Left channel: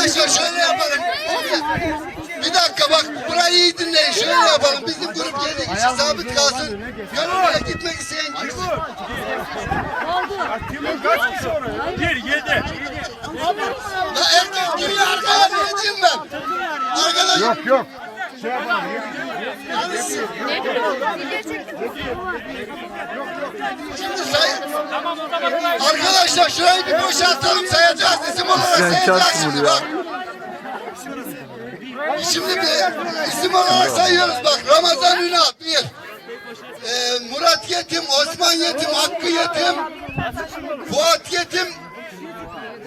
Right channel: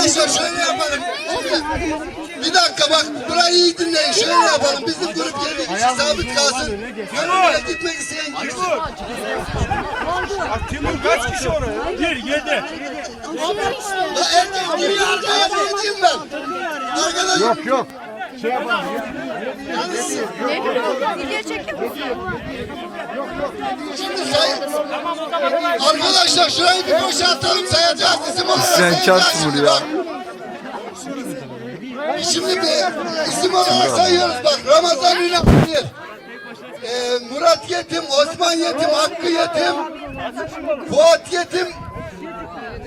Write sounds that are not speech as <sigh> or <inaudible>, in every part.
Arkadaşlar şöyle yapalım. Bir dakika bak burayı iyi dinleyin. Şöyle yapalım. Bizim grup 7 kişi sabit kalsın. Gönüllüye gitmek isteyen girsin. Timur kaç kişi onu? Bir, yedi. La erkek gibi arkaya ne diyeyim ben? Arkadaş. Yok yok. Şimdi say. Arkadaşlar şurayı bir boşaltalım sayacağız isim olarak Sen çarpsın buraya. Şimdi bir isim olarak sayıyoruz bak Ramazan Ünal bir. Ee, Murat Yetim, Osman Yetim, Hakkı Yetim, Fuat Yetim,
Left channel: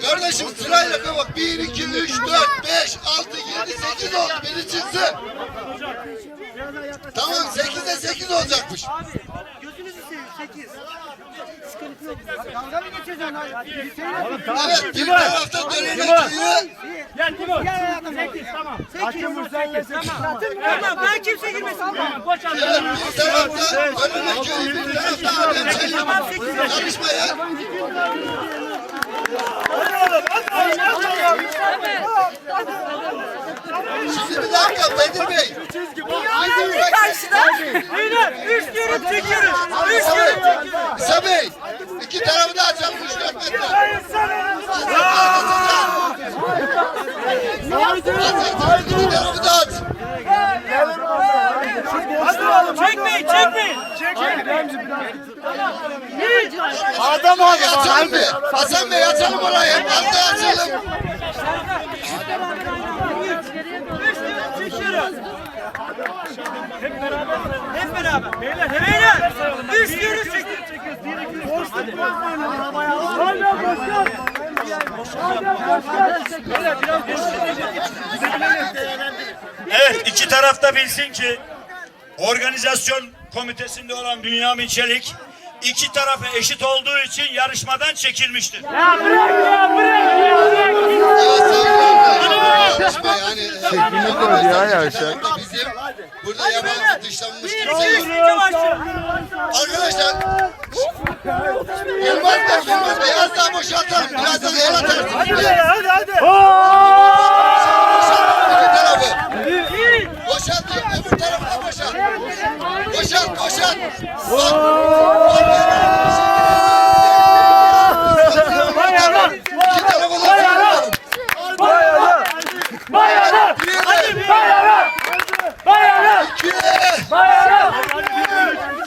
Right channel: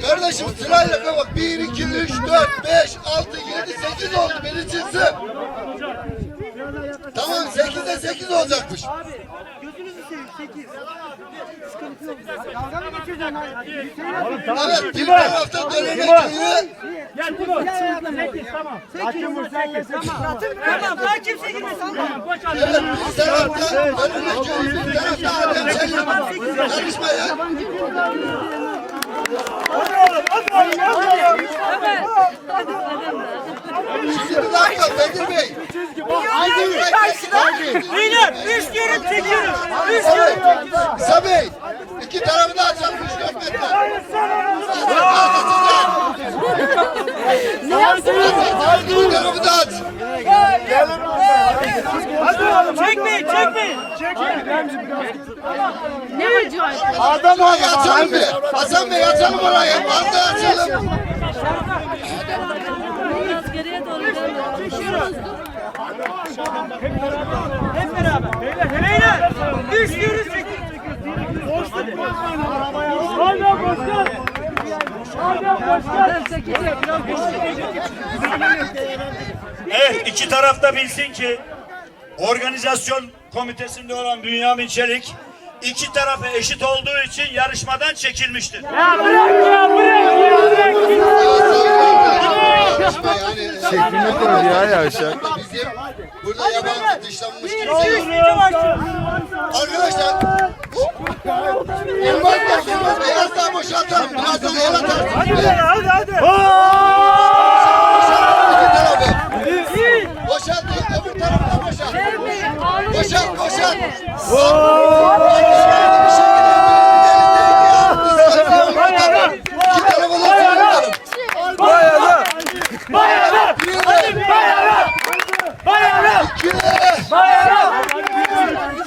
Kardeşim sırayla bak. 1, 2, 3, 4, 5, 6, 7, 8 oldu. Beni çıksın. Tamam 8'de 8 olacakmış. Gözünüzü seveyim 8. Sıkıntı yok. Dalga mı geçiyorsun lan? Evet bir tarafta Dönene köyü. Gel Timur. 8 tamam. 8 tamam. Tamam ben kimse girmesin. Tamam boşalt. Evet bir tarafta Dönene köyü. Bir tarafta Adem Çelik. Yarışmaya. Şimdi bir dakika Bedir Bey. Beyler 3 diyorum çekiyoruz. 3 diyorum çekiyoruz. İsa Bey. iki tarafı da açalım 3 4 metre. İki tarafı da aç. Çekmeyin çekmeyin. Adam abi açalım bir. Hasan Bey açalım orayı. Hadi açalım. Hep beraber. Beyler. Beyler. 3 diyoruz çekiyoruz. Boşluk bozmayın. Hala boşluk. Evet, iki taraf da bilsin ki organizasyon komitesinde olan Bünyamin Çelik iki tarafı eşit olduğu için yarışmadan çekilmiştir. Şeklini koydu ya yavşak. Bizim burada yabancı dışlanmış kimse yok. Arkadaşlar Yılmaz Bey, Yılmaz Bey az daha boşaltalım. Birazdan el atarsınız. Hadi hadi. İki tarafı. Boşalt, öbür tarafı da boşalt. Boşalt, boşalt. Bak. İki tarafı da boşaltalım. Bayağı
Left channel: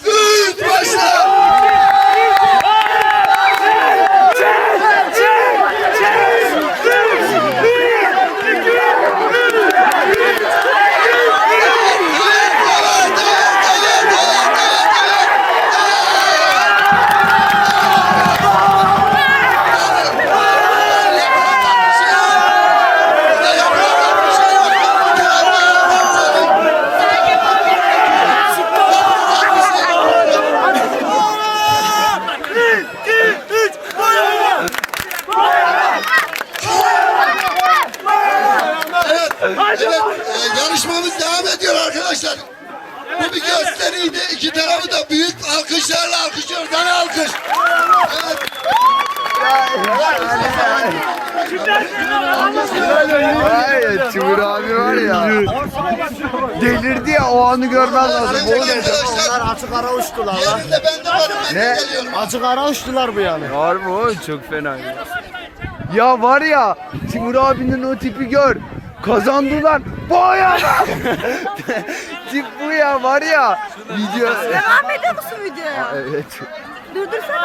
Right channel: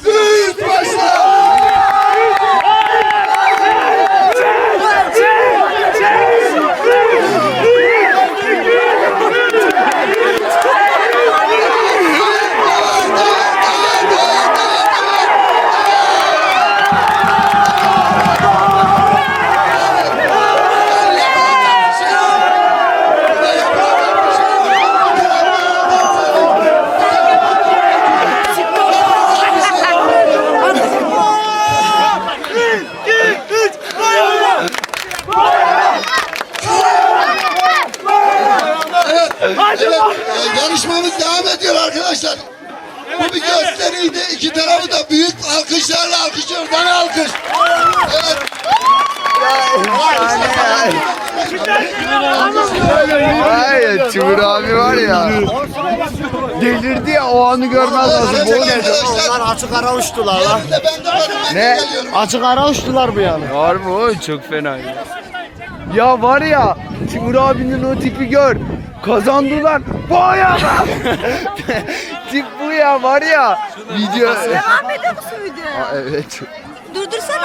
Üç başla. Evet, e, yarışmamız devam ediyor arkadaşlar. Bu bir gösteriydi. İki tarafı da büyük alkışlarla alkışlıyoruz. Hani alkış? Evet. Hayır Timur abi var ya. Delirdi ya o anı görmez lazım. Bu Evet ne? arkadaşlar. Açık ara uçtular ya. Ne? Açık ara uçtular bu yani. Var mı o? Çok fena. Ya. ya var ya Timur abinin o tipi gör. Kazandılar. Bayağı. <laughs> Tip bu ya var ya. Video. Devam ediyor musun video? Aa, evet. Durdursana.